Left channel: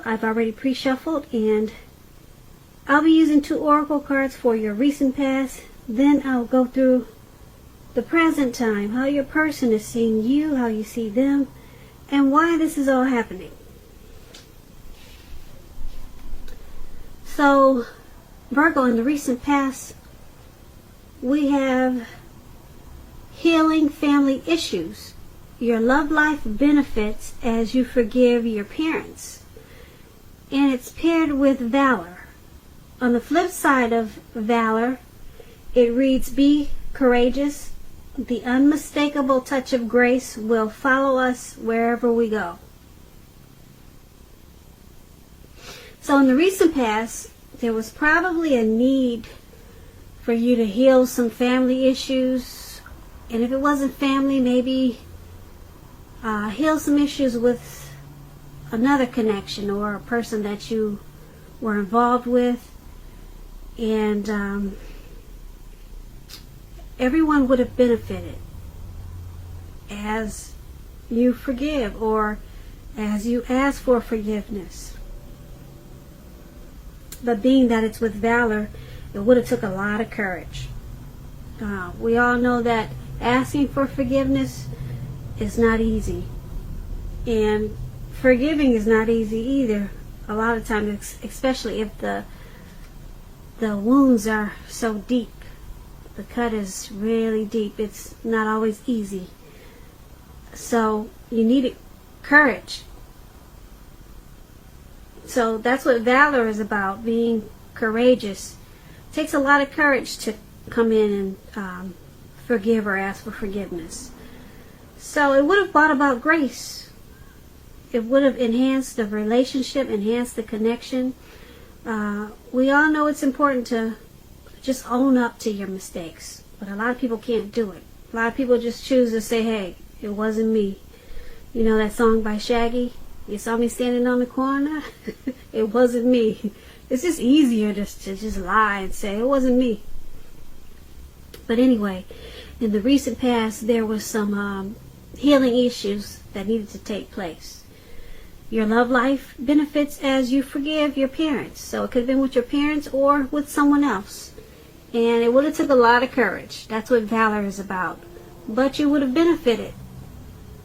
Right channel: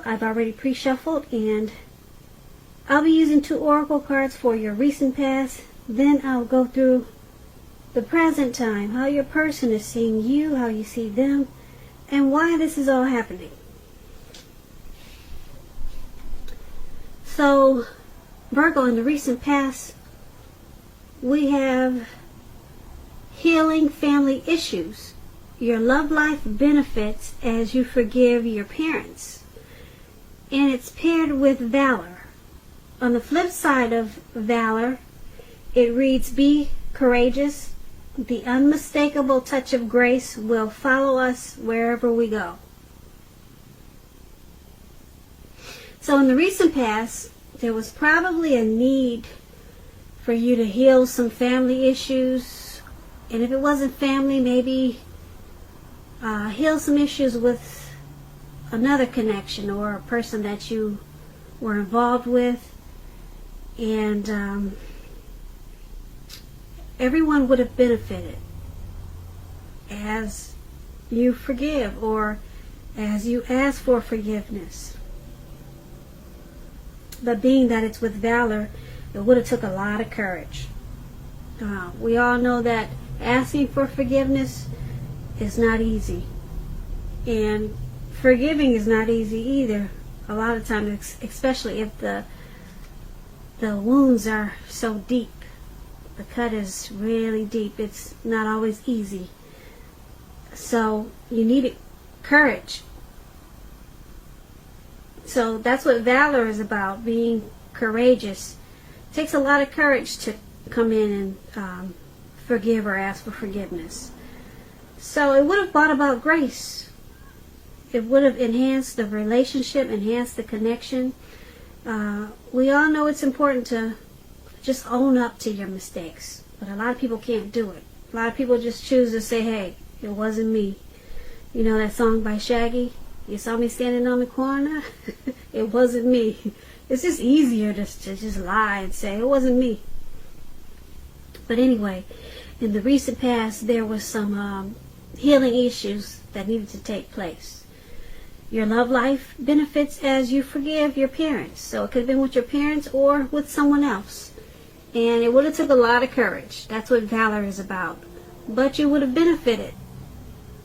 Virgo, I've already pre-shuffled, and I'll be using 2 oracle cards for your recent past. Then I'll go through the present time, how your person is seeing you, how you see them, and why this is all happening. So, Virgo, in the recent past, we have healing family issues. Your love life benefits as you forgive your parents. And it's paired with valor. On the flip side of valor, it reads, be courageous. The unmistakable touch of grace will follow us wherever we go. So in the recent past, there was probably a need for you to heal some family issues. And if it wasn't family, maybe heal some issues with another connection or a person that you were involved with. And everyone would have benefited as you forgive or as you ask for forgiveness. But being that it's with valor, it would have took a lot of courage. We all know that asking for forgiveness is not easy. And forgiving is not easy either. A lot of times, especially if the wounds are so deep. The cut is really deep. It's not always easy. So you need courage. So that's what valor is about, being courageous. It takes a lot of courage to come in and forgive or ask for forgiveness. So it would have brought about grace. It would have enhanced the relationship, enhanced the connection. We all know it's important to just own up to your mistakes. But a lot of people can't do it. A lot of people just choose to say, hey, it wasn't me. You know that song by Shaggy? You saw me standing on the corner? It wasn't me. It's just easier to just lie and say, it wasn't me. But anyway, in the recent past, there was some healing issues that needed to take place. Your love life benefits as you forgive your parents. So it could have been with your parents or with someone else. And it would have took a lot of courage. That's what valor is about. But you would have benefited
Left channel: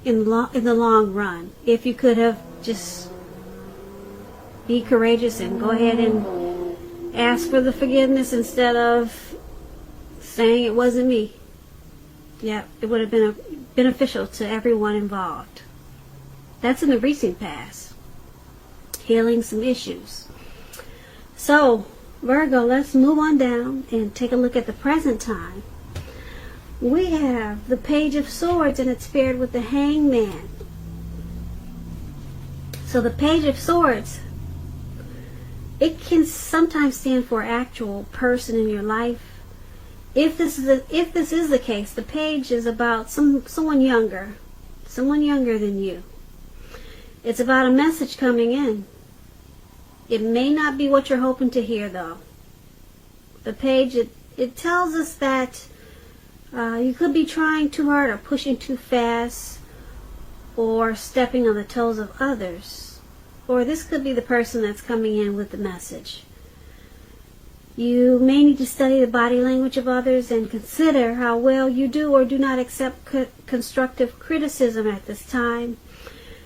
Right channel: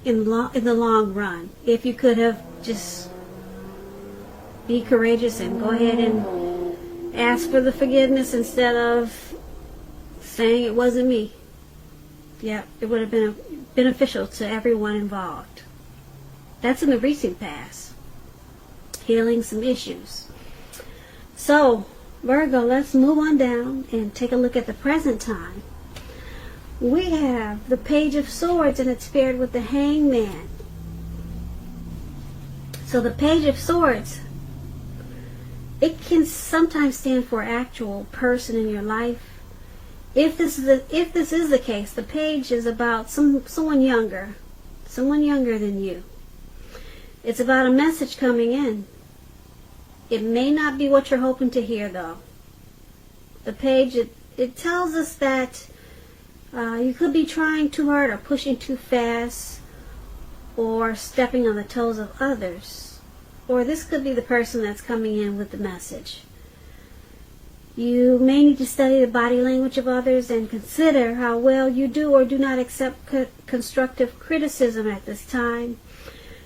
in the long run if you could have just be courageous and go ahead and ask for the forgiveness instead of saying it wasn't me. Yeah, it would have been beneficial to everyone involved. That's in the recent past. Healing some issues. So, Virgo, let's move on down and take a look at the present time. We have the Page of Swords, and it's paired with the Hangman. So the Page of Swords, it can sometimes stand for an actual person in your life. If this is the case, the page is about someone younger than you. It's about a message coming in. It may not be what you're hoping to hear, though. The page, it tells us that you could be trying too hard or pushing too fast or stepping on the toes of others. Or this could be the person that's coming in with the message. You may need to study the body language of others and consider how well you do or do not accept constructive criticism at this time.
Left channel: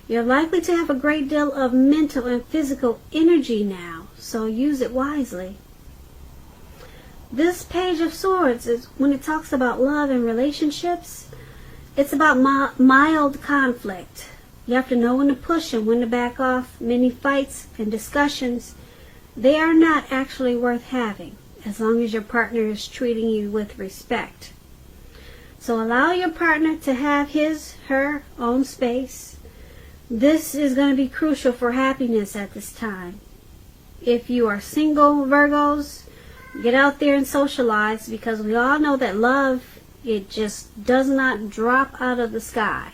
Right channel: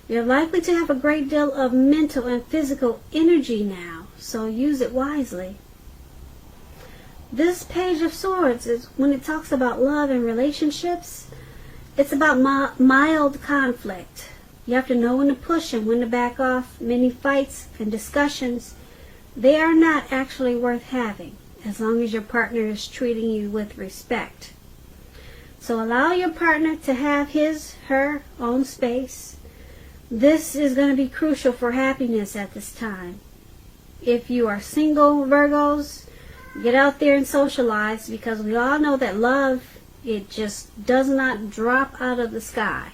You're likely to have a great deal of mental and physical energy now, so use it wisely. This Page of Swords is when it talks about love and relationships. It's about mild conflict. You have to know when to push and when to back off. Many fights and discussions, they are not actually worth having as long as your partner is treating you with respect. So allow your partner to have her own space. This is going to be crucial for happiness at this time. If you are single, Virgos, get out there and socialize, because we all know that love, it just does not drop out of the sky.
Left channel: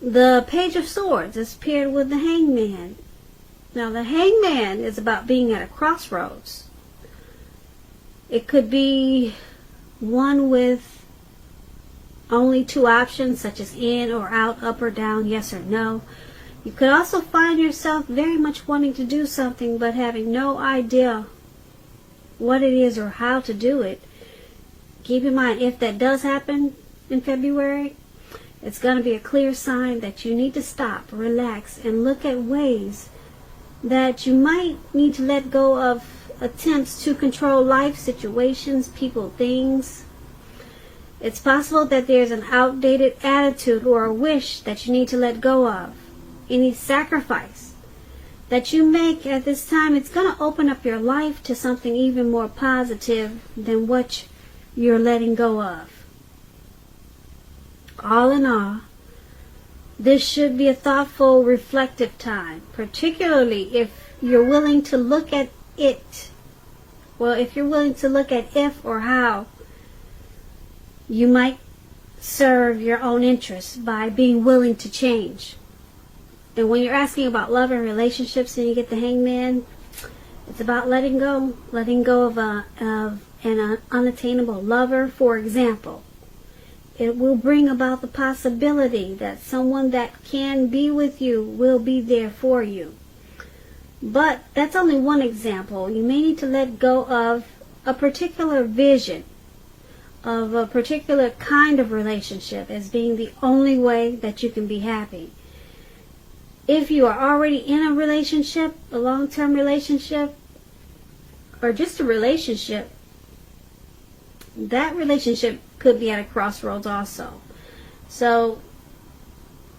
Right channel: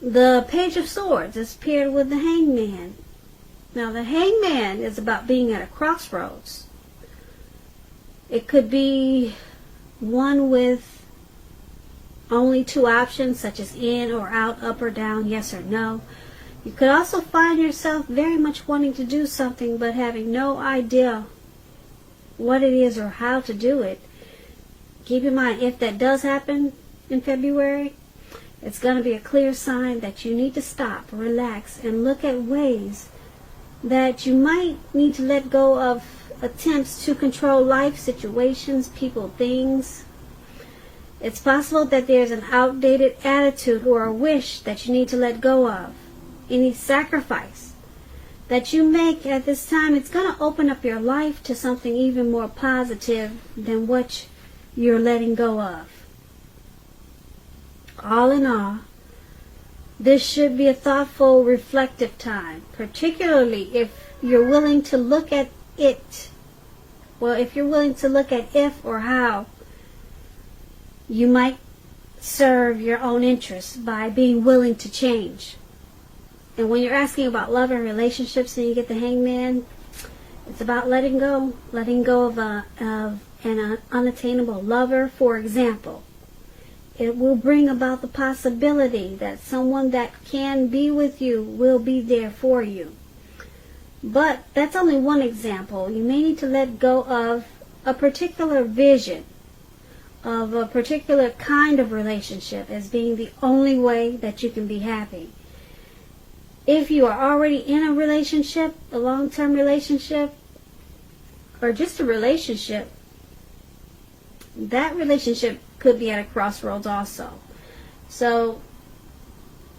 The Page of Swords is paired with the Hangman. Now the Hangman is about being at a crossroads. It could be one with only two options, such as in or out, up or down, yes or no. You could also find yourself very much wanting to do something but having no idea what it is or how to do it. Keep in mind, if that does happen in February, it's going to be a clear sign that you need to stop, relax, and look at ways that you might need to let go of attempts to control life situations, people, things. It's possible that there's an outdated attitude or a wish that you need to let go of. Any sacrifice that you make at this time, it's going to open up your life to something even more positive than what you're letting go of. All in all, this should be a thoughtful, reflective time, particularly if you're willing to look at it. Well, if you're willing to look at if or how you might serve your own interests by being willing to change. And when you're asking about love and relationships and you get the Hangman, it's about letting go of an unattainable lover, for example. It will bring about the possibility that someone that can be with you will be there for you. But that's only one example. You may need to let go of a particular vision of a particular kind of relationship as being the only way that you can be happy. If you are already in a relationship, a long-term relationship, or just a relationship, that relationship could be at a crossroads also. So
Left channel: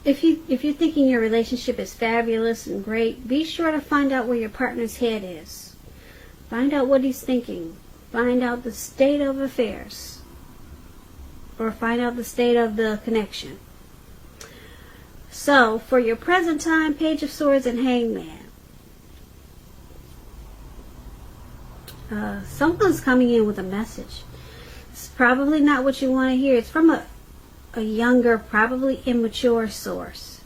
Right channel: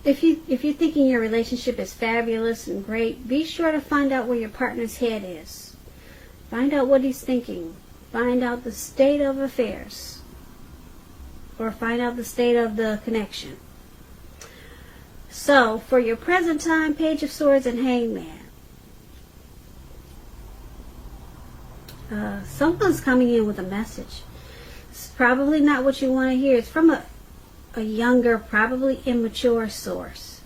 if you're thinking your relationship is fabulous and great, be sure to find out where your partner's head is. Find out what he's thinking. Find out the state of affairs. Or find out the state of the connection. So, for your present time, Page of Swords and Hangman. Someone's coming in with a message. It's probably not what you want to hear. It's from a younger, probably immature source.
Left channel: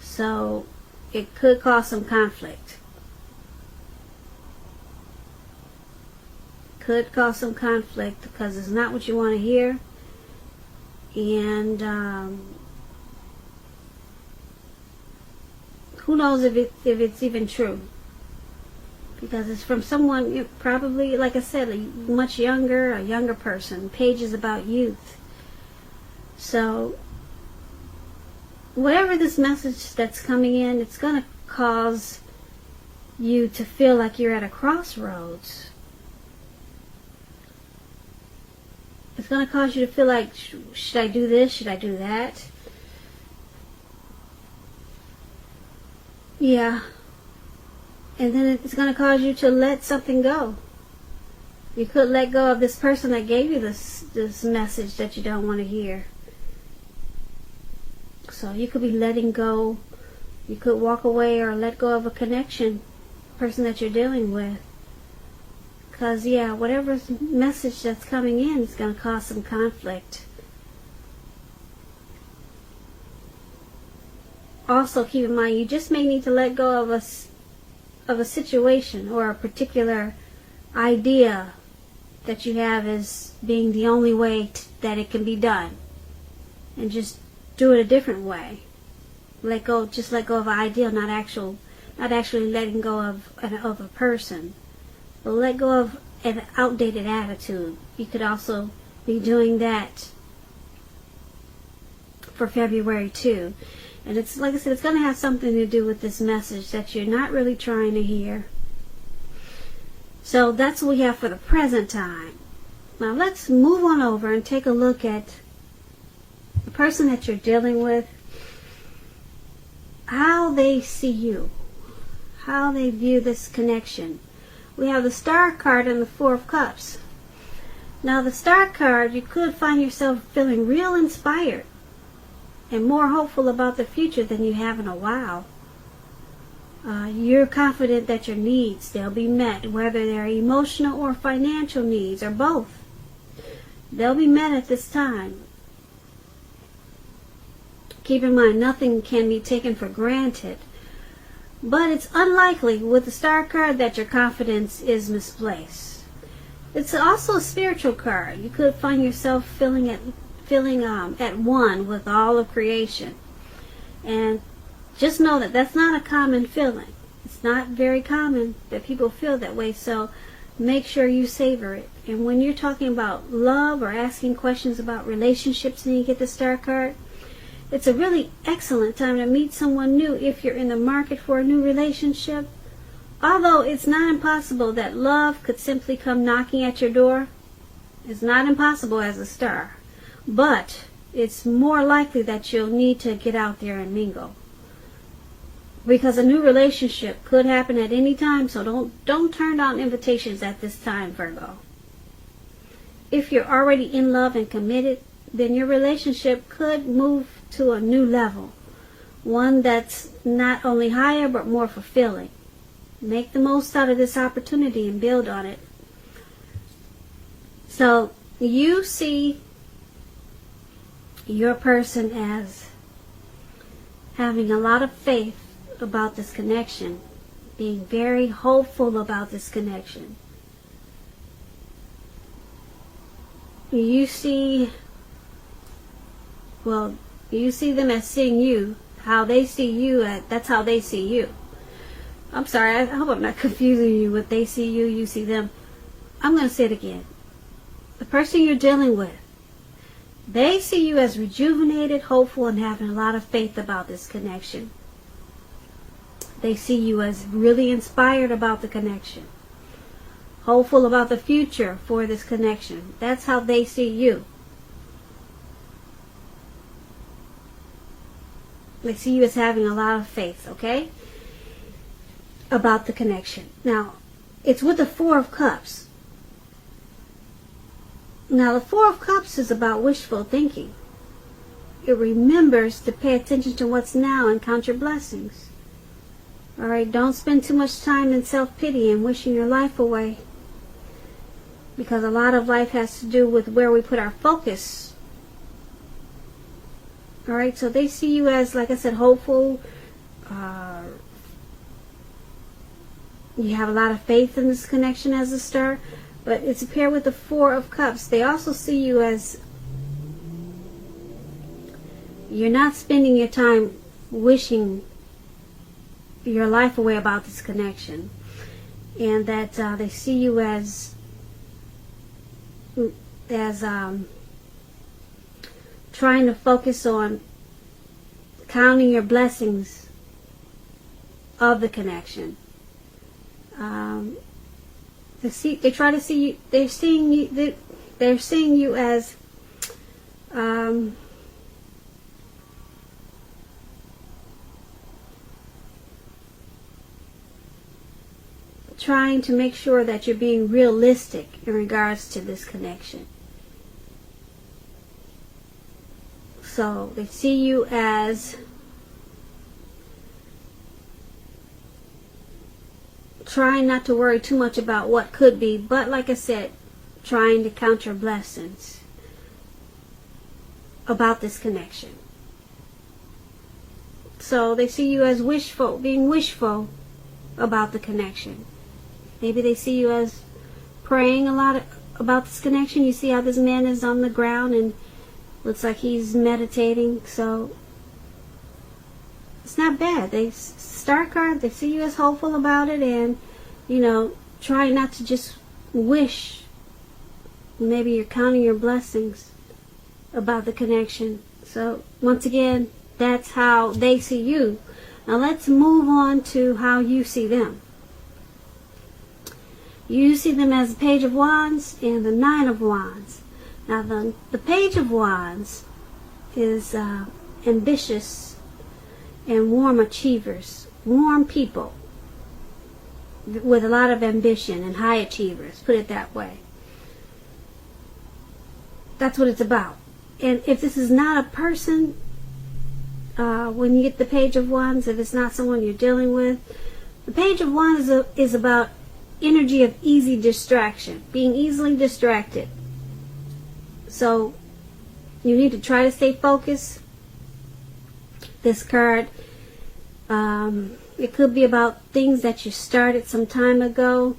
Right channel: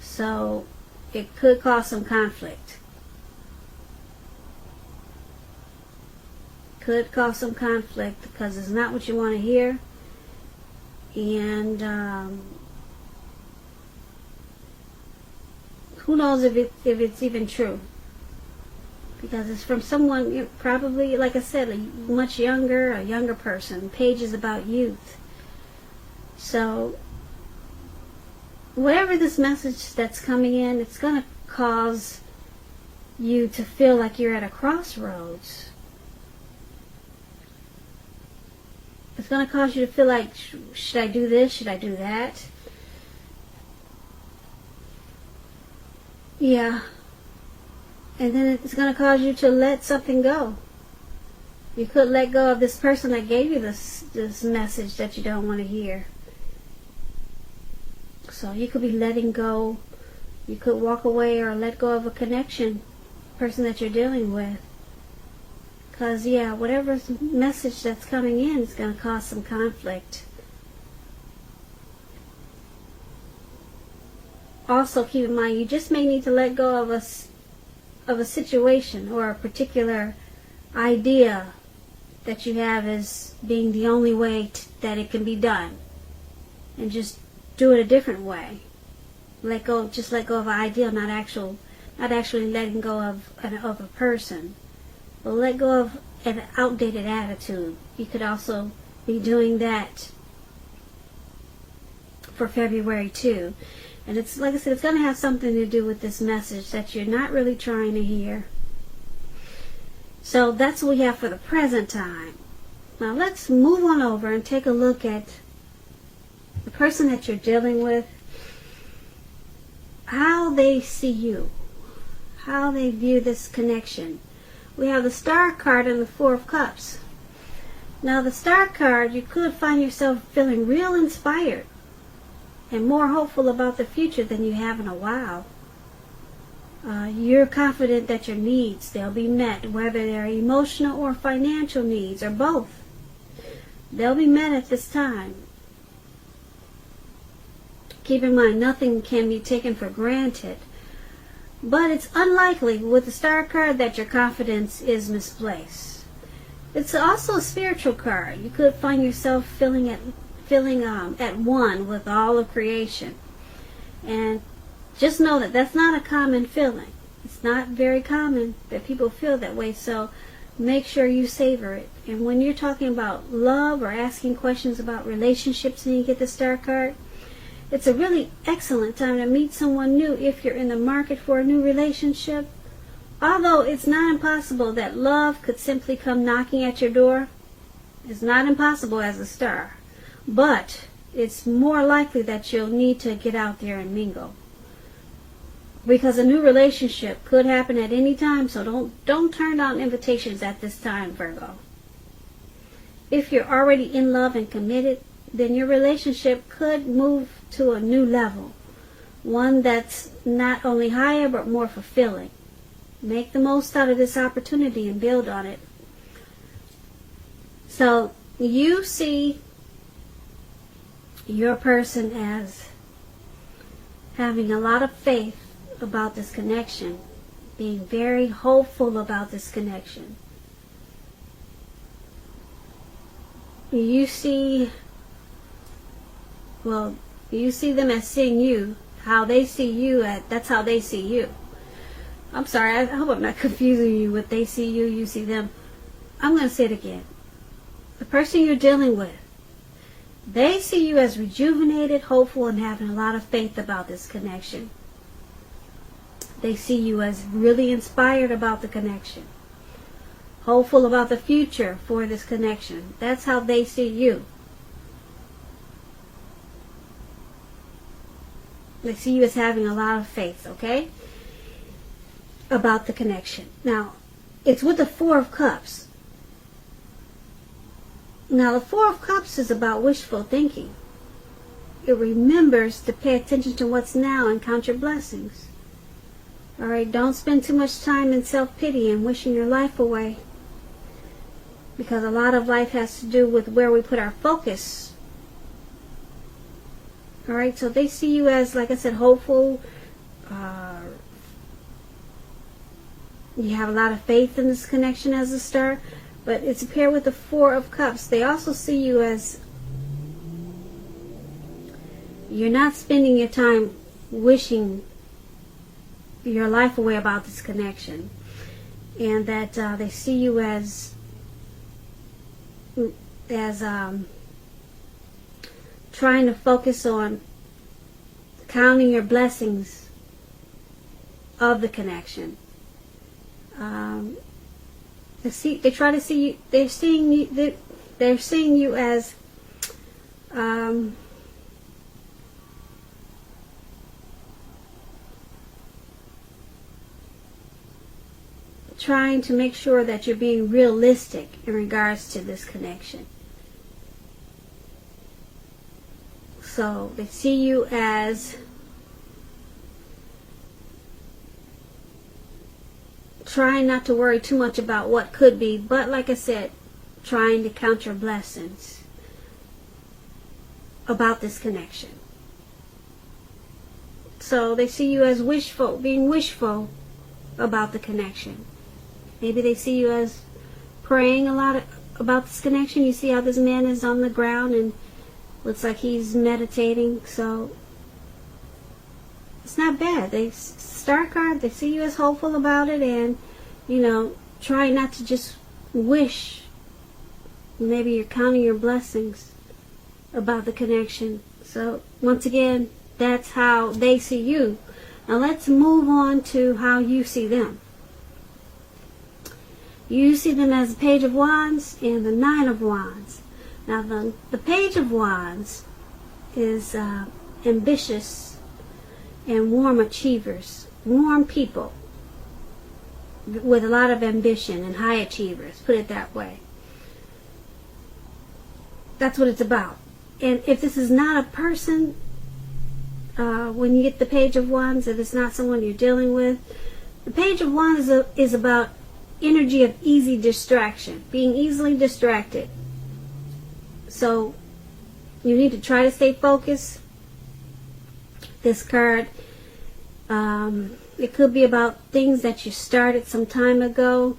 So, it could cause some conflict. Could cause some conflict because it's not what you want to hear. And who knows if it's even true, because it's from someone probably, like I said, a younger person. The page is about youth. So whatever this message that's coming in, it's going to cause you to feel like you're at a crossroads. It's going to cause you to feel like, should I do this? Should I do that? Yeah. And then it's going to cause you to let something go. You could let go of this person that gave you this message that you don't want to hear. So you could be letting go. You could walk away or let go of a connection, person that you're dealing with. Because, yeah, whatever message that's coming in is going to cause some conflict. Also, keep in mind, you just may need to let go of a situation or a particular idea that you have as being the only way that it can be done. And just do it a different way. Let go of an idea, not actually letting go of a person. But let go of an outdated attitude. You could also be doing that for February too. And it's, like I said, it's going to have something to do with this message that you're not really trying to hear. So that's what we have for the present time. Now let's move on over and take a look at the person that you're dealing with, how they see you, how they view this connection. We have the Star card and the Four of Cups. Now the Star card, you could find yourself feeling real inspired and more hopeful about the future than you have in a while. You're confident that your needs, they'll be met, whether they're emotional or financial needs, or both. They'll be met at this time. Keep in mind, nothing can be taken for granted. But it's unlikely with the Star card that your confidence is misplaced. It's also a spiritual card. You could find yourself feeling at one with all of creation, and just know that that's not a common feeling. It's not very common that people feel that way, so make sure you savor it. And when you're talking about love or asking questions about relationships and you get the Star card, it's a really excellent time to meet someone new if you're in the market for a new relationship. Although it's not impossible that love could simply come knocking at your door. It's not impossible as a star. But it's more likely that you'll need to get out there and mingle. Because a new relationship could happen at any time, so don't turn down invitations at this time, Virgo. If you're already in love and committed, then your relationship could move to a new level. One that's not only higher, but more fulfilling. Make the most out of this opportunity and build on it. So, you see your person as having a lot of faith about this connection, being very hopeful about this connection. You see them as seeing you, how they see you, that's how they see you. I'm sorry, I hope I'm not confusing you with they see you, you see them. I'm going to say it again. The person you're dealing with, they see you as rejuvenated, hopeful, and having a lot of faith about this connection. They see you as really inspired about the connection, hopeful about the future for this connection. That's how they see you. They see you as having a lot of faith, okay, about the connection. Now, it's with the Four of Cups. Now, the Four of Cups is about wishful thinking. It remembers to pay attention to what's now and count your blessings. Alright, don't spend too much time in self-pity and wishing your life away. Because a lot of life has to do with where we put our focus. Alright, so they see you as, like I said, hopeful. You have a lot of faith in this connection as a star. But it's paired with the Four of Cups. They also see you as you're not spending your time wishing your life away about this connection. And that they see you as trying to focus on counting your blessings of the connection. They try to see you. They're seeing you as trying to make sure that you're being realistic in regards to this connection. So they see you as trying not to worry too much about what could be, but like I said, trying to count your blessings about this connection. So they see you as wishful, being wishful about the connection. Maybe they see you as praying a lot about this connection. You see how this man is on the ground and looks like he's meditating. So it's not bad. Star card, they see you as hopeful about it, and try not to just wish. Maybe you're counting your blessings about the connection. So once again, that's how they see you. Now let's move on to how you see them. You see them as the Page of Wands and the Nine of Wands. Now the Page of Wands is ambitious and warm achievers, warm people with a lot of ambition and high achievers, put it that way. That's what it's about. And if this is not a person, when you get the Page of Wands, if it's not someone you're dealing with, the Page of Wands is about energy of easy distraction, being easily distracted. So you need to try to stay focused. This card, it could be about things that you started some time ago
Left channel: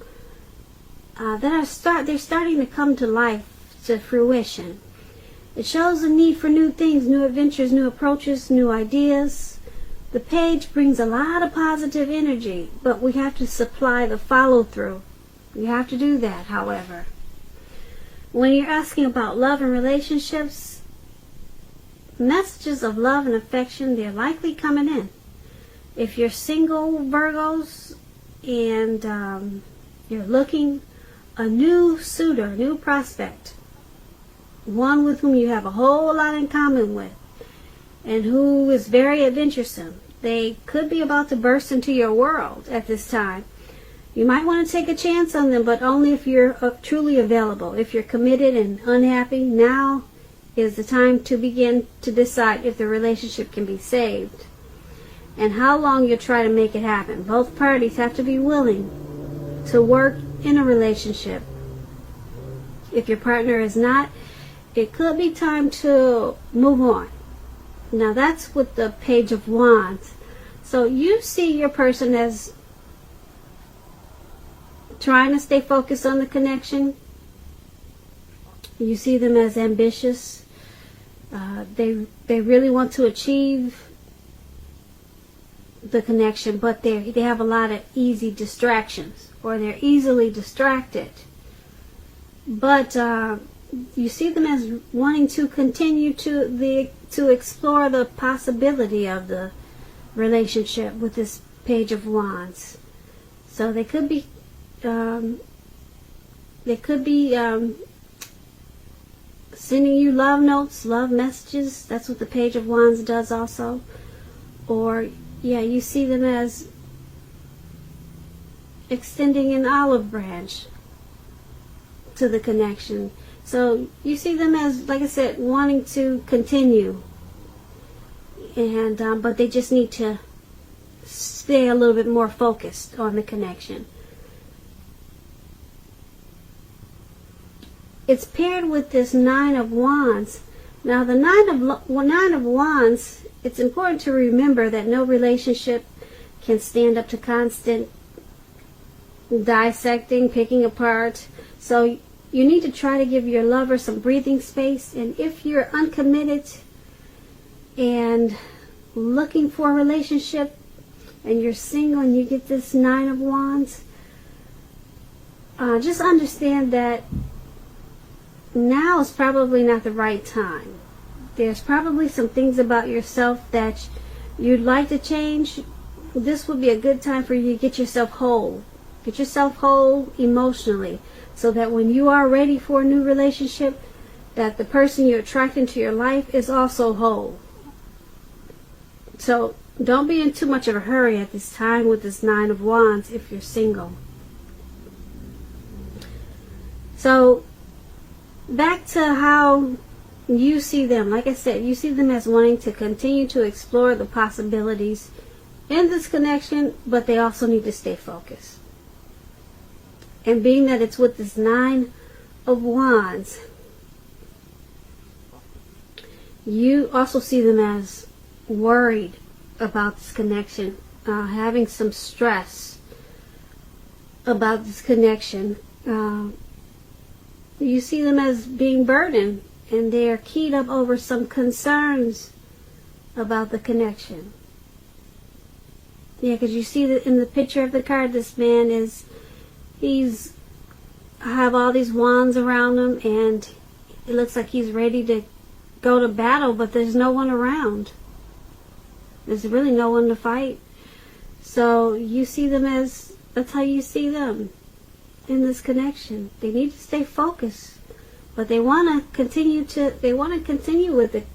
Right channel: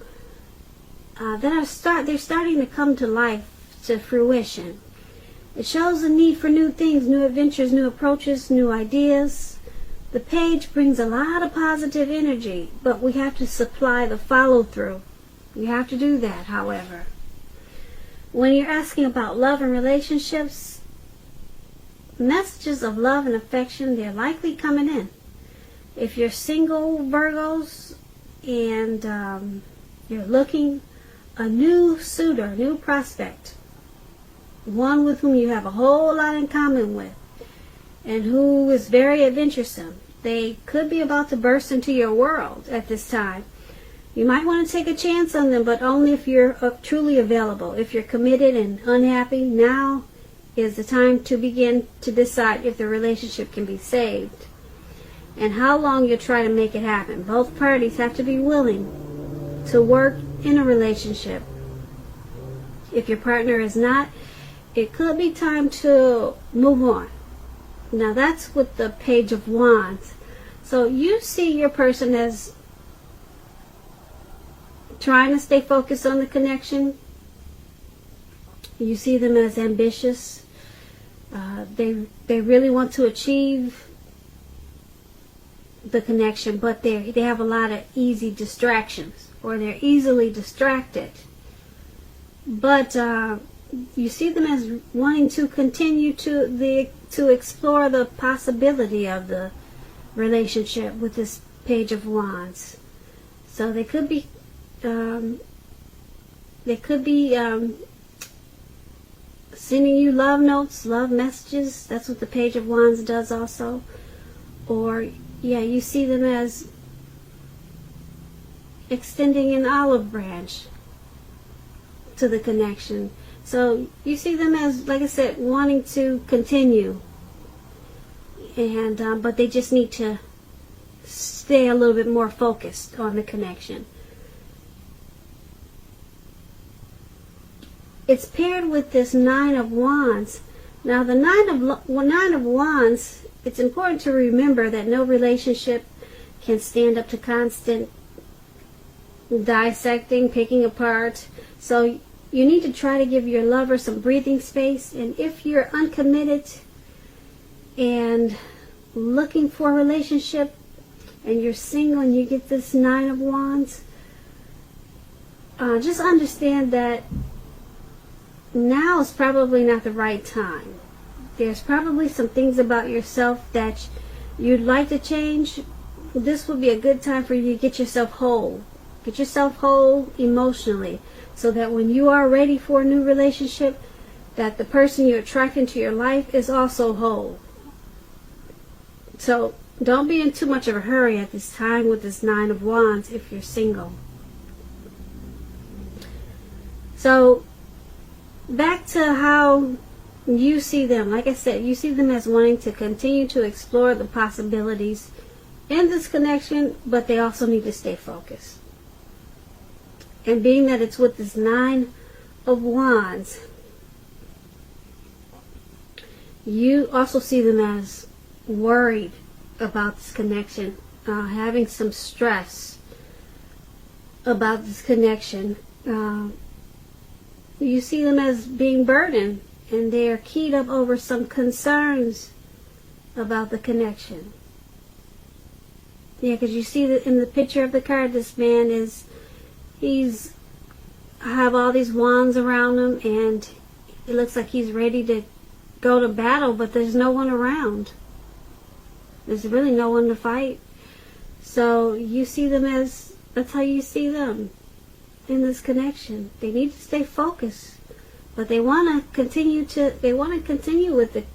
they're starting to come to life, to fruition. It shows a need for new things, new adventures, new approaches, new ideas, The page brings a lot of positive energy, but we have to supply the follow-through. We have to do that, however. When you're asking about love and relationships, messages of love and affection, they're likely coming in. If you're single, Virgos, and you're looking, a new suitor, a new prospect, one with whom you have a whole lot in common with, and who is very adventuresome. They could be about to burst into your world at this time. You might want to take a chance on them, but only if you're truly available. If you're committed and unhappy, now is the time to begin to decide if the relationship can be saved and how long you're trying to make it happen. Both parties have to be willing to work in a relationship. If your partner is not, it could be time to move on. Now that's with the Page of Wands. So you see your person as trying to stay focused on the connection. You see them as ambitious. They really want to achieve the connection, but they have a lot of easy distractions, or they're easily distracted. But you see them as wanting to continue to explore the possibility of the relationship with this Page of Wands. So they could be sending you love notes, love messages. That's what the Page of Wands does also. Or yeah, you see them as extending an olive branch to the connection. So you see them as, like I said, wanting to continue, and but they just need to stay a little bit more focused on the connection. It's paired with this Nine of Wands. Now the Nine of Wands, it's important to remember that no relationship can stand up to constant dissecting, picking apart. So you need to try to give your lover some breathing space. And if you're uncommitted and looking for a relationship and you're single and you get this Nine of Wands, just understand that now is probably not the right time. There's probably some things about yourself that you'd like to change. This would be a good time for you to get yourself whole. Get yourself whole emotionally, so that when you are ready for a new relationship, that the person you're attracting to your life is also whole. So don't be in too much of a hurry at this time with this Nine of Wands if you're single. So back to how you see them. Like I said, you see them as wanting to continue to explore the possibilities in this connection, but they also need to stay focused. And being that it's with this Nine of Wands, you also see them as worried about this connection, having some stress about this connection. You see them as being burdened, and they are keyed up over some concerns about the connection. Yeah, because you see that in the picture of the card, this man he's have all these wands around him, and it looks like he's ready to go to battle, but there's no one around. There's really no one to fight. So you see them as, that's how you see them in this connection. They need to stay focused, but they want to continue with it,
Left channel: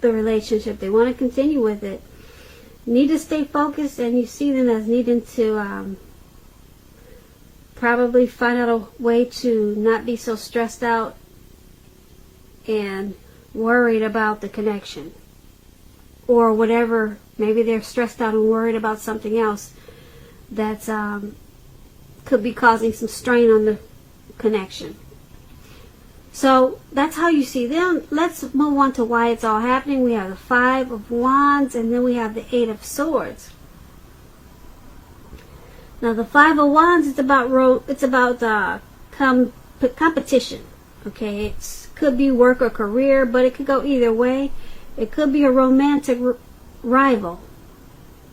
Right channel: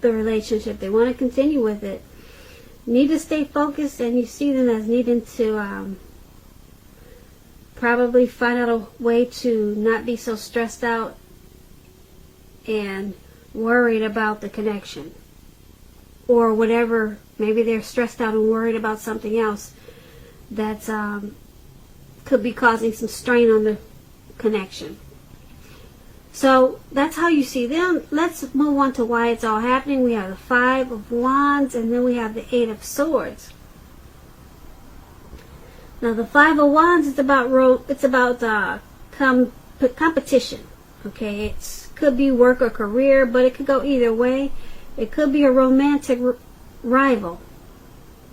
the relationship. They want to continue with it. Need to stay focused, and you see them as needing to probably find out a way to not be so stressed out and worried about the connection, or whatever. Maybe they're stressed out and worried about something else that's could be causing some strain on the connection. So that's how you see them. Let's move on to why it's all happening. We have the Five of Wands, and then we have the Eight of Swords. Now the Five of Wands is about competition. Okay, it could be work or career, but it could go either way. It could be a romantic rival.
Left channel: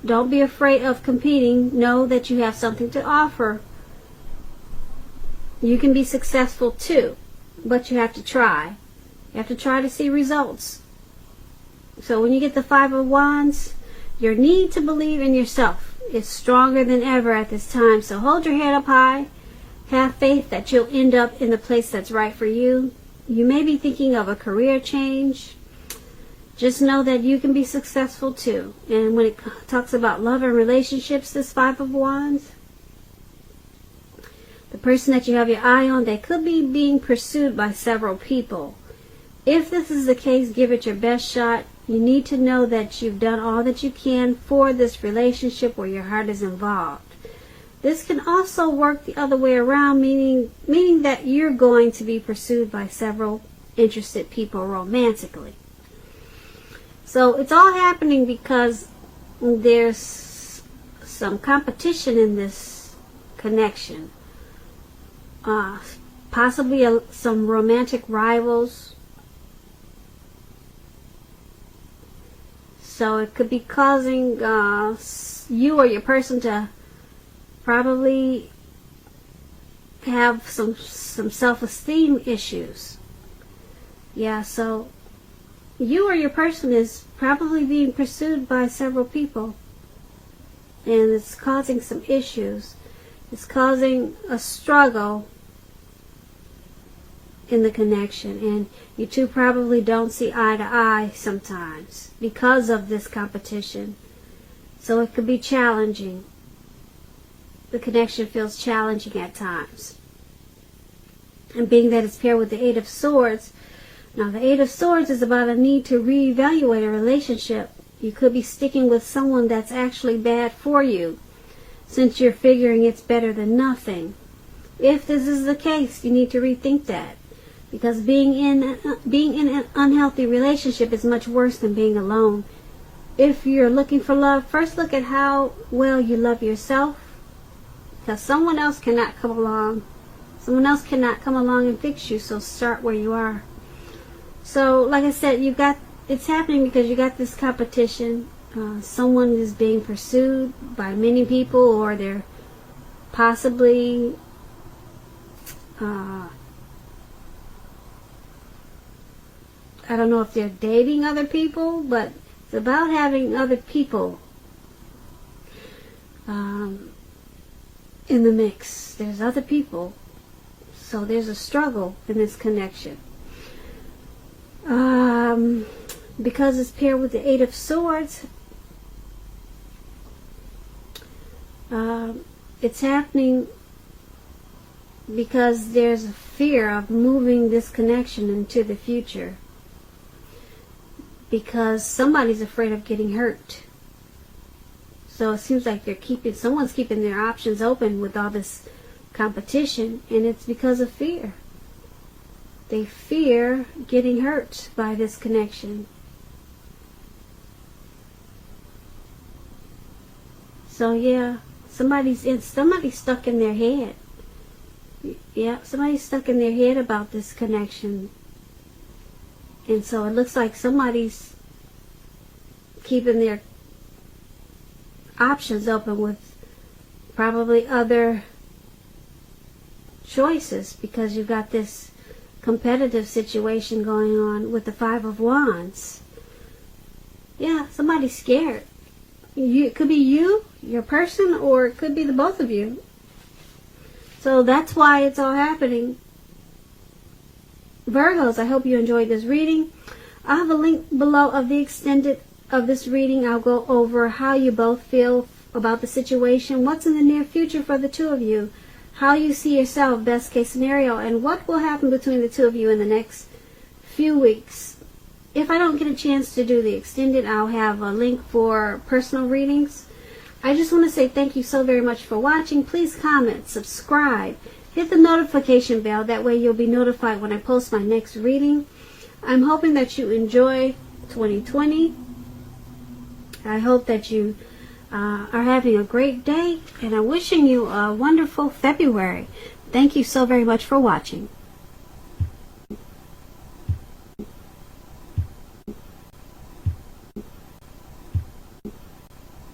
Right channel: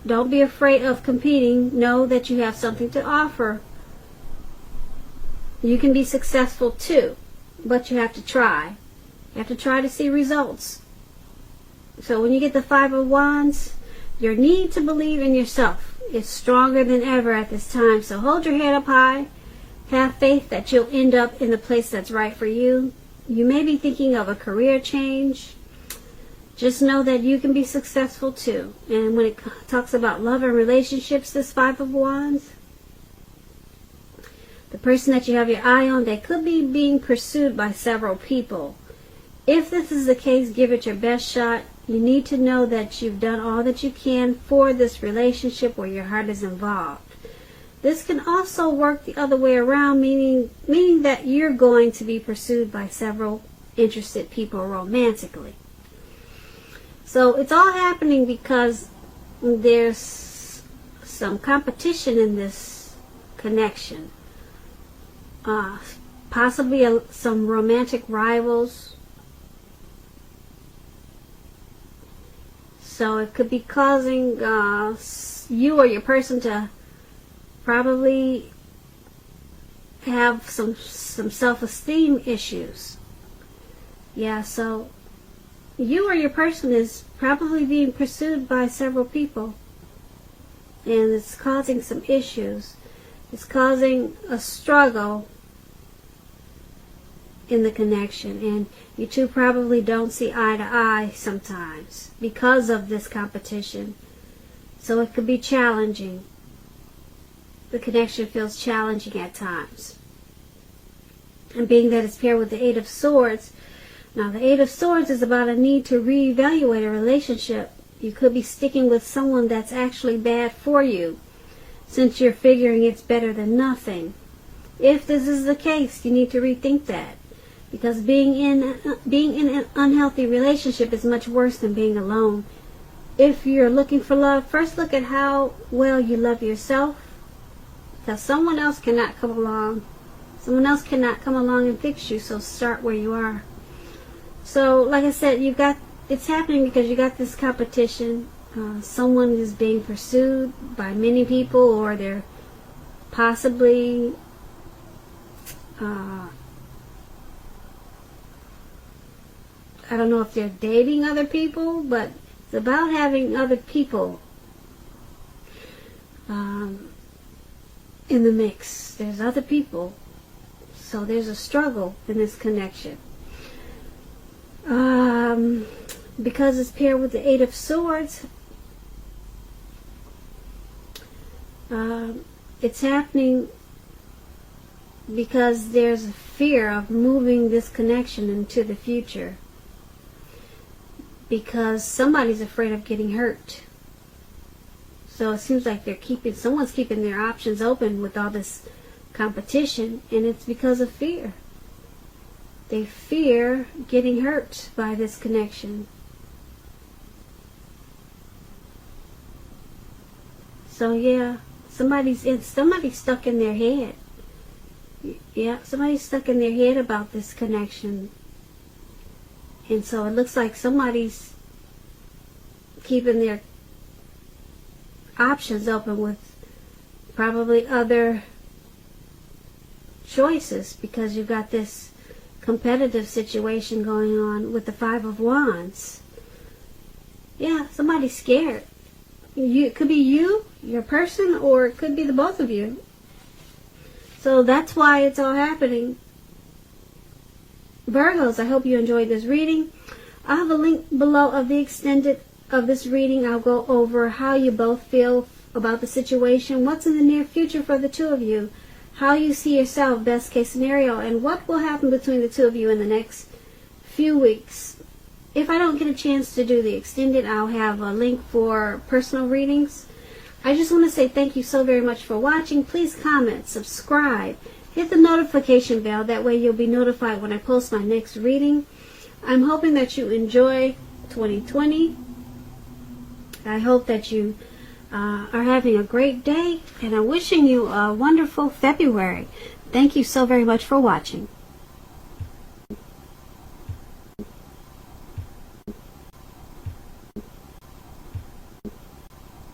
Don't be afraid of competing. Know that you have something to offer. You can be successful too, but you have to try. You have to try to see results. So when you get the Five of Wands, your need to believe in yourself is stronger than ever at this time. So hold your head up high. Have faith that you'll end up in the place that's right for you. You may be thinking of a career change. Just know that you can be successful too. And when it talks about love and relationships, this Five of Wands, the person that you have your eye on, they could be being pursued by several people. If this is the case, give it your best shot. You need to know that you've done all that you can for this relationship where your heart is involved. This can also work the other way around, meaning that you're going to be pursued by several interested people romantically. So it's all happening because there's some competition in this connection. Possibly some romantic rivals. So it could be causing you or your person to probably have some self-esteem issues. Yeah, so you or your person is probably being pursued by several people. And it's causing some issues. It's causing a struggle in the connection. And you two probably don't see eye to eye sometimes because of this competition. So it could be challenging. The connection feels challenging at times. And being that it's paired with the Eight of Swords, now the Eight of Swords is about a need to reevaluate a relationship. You could be sticking with someone that's actually bad for you, since you're figuring it's better than nothing. If this is the case, you need to rethink that. Because being in an unhealthy relationship is much worse than being alone. If you're looking for love, first look at how well you love yourself. Because someone else cannot come along. Someone else cannot come along and fix you, so start where you are. So, like I said, it's happening because you got this competition. Someone is being pursued by many people, or they're possibly I don't know if they're dating other people, but it's about having other people in the mix. There's other people. So there's a struggle in this connection. Because it's paired with the Eight of Swords, it's happening because there's a fear of moving this connection into the future. Because somebody's afraid of getting hurt. So it seems like someone's keeping their options open with all this competition, and it's because of fear. They fear getting hurt by this connection. So yeah, somebody's stuck in their head. Yeah, somebody's stuck in their head about this connection. And so it looks like somebody's keeping their options open with probably other choices, because you've got this competitive situation going on with the Five of Wands. Yeah, somebody's scared. It could be you, your person, or it could be the both of you. So that's why it's all happening. Virgos, I hope you enjoyed this reading. I have a link below of the extended of this reading. I'll go over how you both feel about the situation, what's in the near future for the two of you, how you see yourself, best case scenario, and what will happen between the two of you in the next few weeks. If I don't get a chance to do the extended, I'll have a link for personal readings. I just want to say thank you so very much for watching. Please comment, subscribe, hit the notification bell. That way you'll be notified when I post my next reading. I'm hoping that you enjoy 2020. I hope that you are having a great day, and I'm wishing you a wonderful February. Thank you so very much for watching.